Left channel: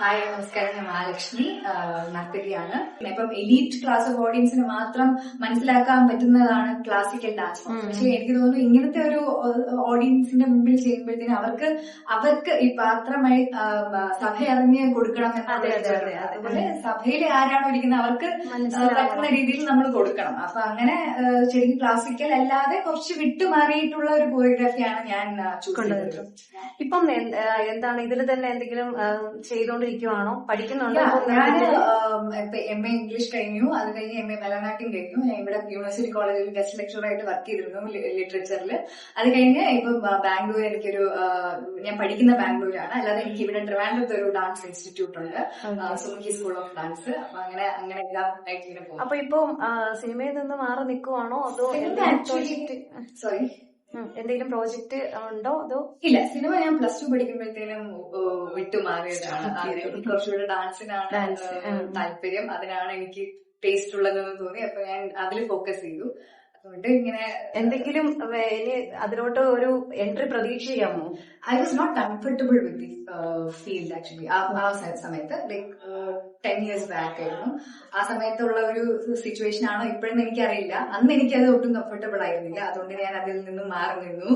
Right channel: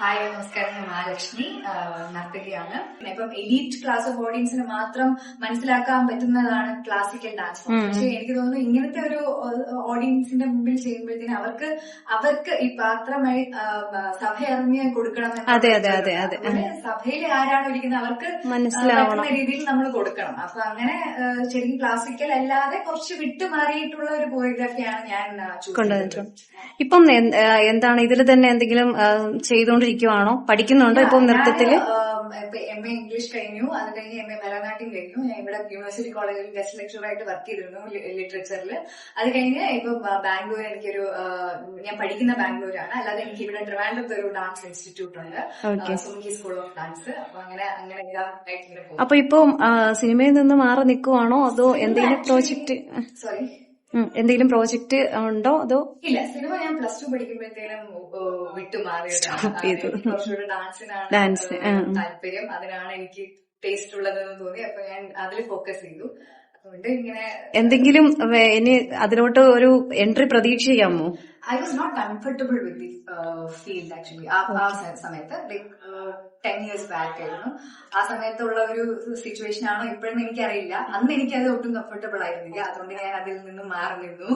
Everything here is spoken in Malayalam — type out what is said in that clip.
ഹായ് നമസ്കാരം, ഞാൻ മഹാലക്ഷ്മി, നർത്തകിയാണ്. ഇപ്പം എലീറ്റ് ക്ലാസ് ഓഫ് ഓഡിയൻസിന് മാത്രം മനസ്സിലാക്കാൻ പറ്റുന്നതാണ് ക്ലാസിക്കൽ ഡാൻസ് ഫോം. പക്ഷെ എനിക്ക് തോന്നുന്നു ഇങ്ങനത്തെ ഒരു ഓഡിയൻസിന്റെ മുമ്പിൽ ചെയ്യുമ്പോഴത്തേന് അവർക്ക് ഈ പാത്രമായി സഭ അറിഞ്ഞ് കൊടുക്കണം അതുപോലെ സഭയിൽ ആരാണ് ഇരിക്കുന്നത് അവർക്ക് പറ്റുന്ന രീതിയിൽ നമ്മൾ കൊടുക്കണം. അപ്പൊ അങ്ങനെ ശരിക്കും ക്ലാസിക്കൽ അല്ലാതെ കുറച്ച് വിട്ടുമാറിയിട്ടുള്ള ഒരു കൊറിയോഗ്രാഫിയാണ് ഞാൻ ചൂസ് ചെയ്തത്. ഇപ്പം എന്താണ് ഇതിൽ തന്നെ എന്തെങ്കിലും ചെയ്തുകൊണ്ടിരിക്കുവാണോ, പഠിക്കുന്നുണ്ടോ ഇപ്പം നൃത്തത്തില്? MA ഇംഗ്ലീഷ് കഴിഞ്ഞു, അത് കഴിഞ്ഞ് MA ഭരതനാട്യം കഴിഞ്ഞു. ഞാൻ ഇവിടെ യൂണിവേഴ്സിറ്റി കോളേജിൽ ഗസ്റ്റ് ലെക്ചറായിട്ട് വർക്ക് ചെയ്തിരുന്നു ലിറ്ററേച്ചറിൽ. അത് കഴിഞ്ഞ് ഇപ്പം ബാംഗ്ലൂർ എനിക്കൊരു ഞാൻ പഠിക്കുന്ന ബാംഗ്ലൂരാണ്. അല്ലാതെ എനിക്ക് ഇവിടെ ട്രിവാൻഡ്രത്ത് ഒരു ഡാൻസ് ഇൻസ്റ്റിറ്റ്യൂട്ട് ഉണ്ട്, സുമുഖി സ്കൂൾ ഓഫ് ഡാൻസ്. അപ്പൊ അങ്ങനെ എല്ലാം ആയിട്ട് പോകും. അപ്പൊ ഇപ്പൊ സിനിമയിൽ നിന്ന് മാറി നിൽക്കുവാണോ അതോ എന്തെങ്കിലും പ്രോജക്റ്റ് എന്തെങ്കിലും പ്രോജക്റ്റ് ഉണ്ടോ അതോ? ഇല്ല, സിനിമ ഞാൻ +2 പഠിക്കുമ്പോഴത്തേനും വിട്ടുമാറിയതാണ്. കുറച്ചുകൂടെ ഡാൻസിനാണ് താല്പര്യം, അതിനാണ് എനിക്ക് ടേസ്റ്റ് ഉള്ളതെന്ന് തോന്നി. അപ്പൊ ഞാൻ അതിൽ ഫോക്കസ് ചെയ്തു. അതുകൊണ്ട് ഇങ്ങനെ എന്തെങ്കിലും ഇനി അതിലോട്ട് ഒരു entry പ്രതീക്ഷിക്കാമോ? I was not comfortable with the field actually. ആ സമയത്ത് ലൈക്ക് 10 years back ആയിരുന്നു. ആ സമയത്തുള്ള ഒരു സിറ്റുവേഷൻ ആണോ ഇപ്പോഴെന്ന് എനിക്കറിയില്ല. അന്ന് എനിക്കത് ഒട്ടും കംഫർട്ടബിൾ ആയിരുന്നില്ല. അതുകൊണ്ട് ഞാൻ അതിൽ നിന്നും മാറി നിന്നു.